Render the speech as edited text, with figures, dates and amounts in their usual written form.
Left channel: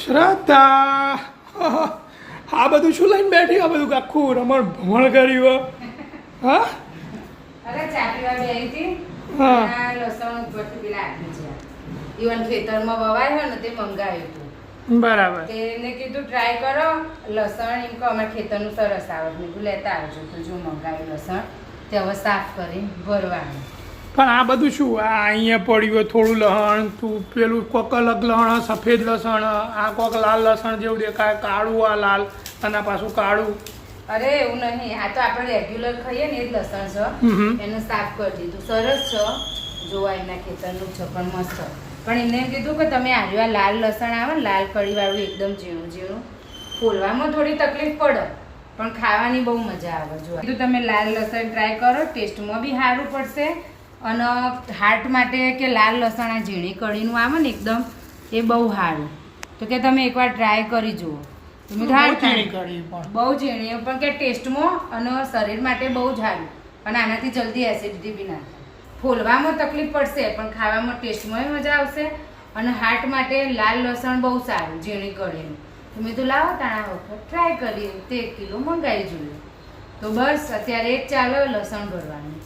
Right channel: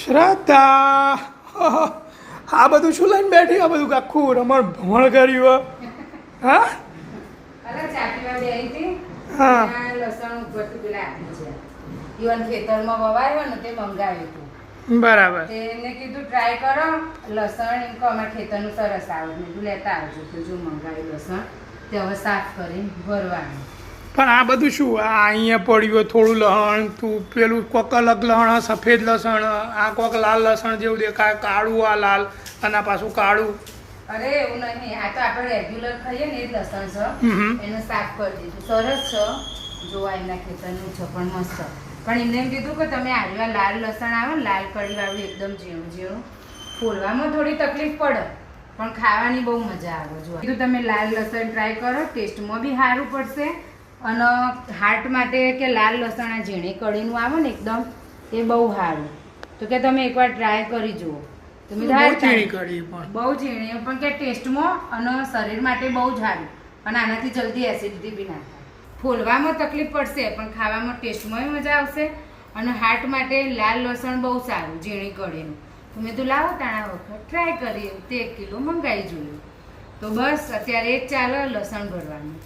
શ્રદ્ધા આ બધું શું લઈને બેઠી? આ બધું આખું રમણ ભમણ કર્યું. હા અરે ચાટીવા બેહી હતી. હા. આ લસણ ઉપરથી પેલા આપી છે. ઈવન ખેતરમાં વવાયો ને તે મંગાવ્યું હતું. બરાબર. તેને કીધું ટ્રાય કરો લસણ એમ કહો અમારા ખેતરનું સરસ આવે મેં કીધું લેતા આવજો તો જો મંગાવ્યું લસણ તે હવે સાફ કરી ભરવાનું. પણ આ બધું શું? આ અહીંયા પડ્યું થોડું લસણ, તું પેલું કોક અલગ લસણ, સફેદ લસણ, આ કોક લાલ લસણ જેવું દેખાય, કાળું આ લાલ અને આ પાછું કાળું. અરે એવું નહીં, આ તો આપણે રેગ્યુલર ખાઈએ ને એ જ લસણ છે. એને સાફ કરી દીધું સરસ છે. જોવા એના ખેતરનું છે પણ મસ્ત. પણ એને એમ કીધું કે તમે આવ્યા લાલ લસણ આવે ને લાલ કઢીવાળું એકદમ ઝીણું ઝીણું ફોલવામાં થોડી તકલીફ પડે પણ ખાવાની બહુ મજા આવે. જોવા કીધું તમે લાલ લસણ ટ્રાય કરો, ટેસ્ટમાં બી સારું પડશે અને હાર્ટ માટે કે લાલ લસણ આ ઝીણી કઢીનું આવે ને એકદમ એ બહુ સારું. તો કે તમે એકવાર ટ્રાય કરી જુઓ. તમે બહુ ઝીણી કઢી પણ બહુ ઝીણી પણ કે ટેસ્ટમાં અને શરીર માટે બહુ જ સારું અને આનાથી જલ્દી એસિડિટી બી ના થાય. ફોલવામાં તકલીફ પડશે પણ ખાવામાં ટેસ્ટમાં મજા આવશે અને હાર્ટ માટે લાલ લસણ બહુ સારું ઝીણી કઢીનું. તો મેં તો લાવો તાણા વખત ટ્રાય કરીએ તે 1 કિલો મંગાવી જોઈએ. તો બસ અત્યારે એક ચાલે લસણ ભરવાનું.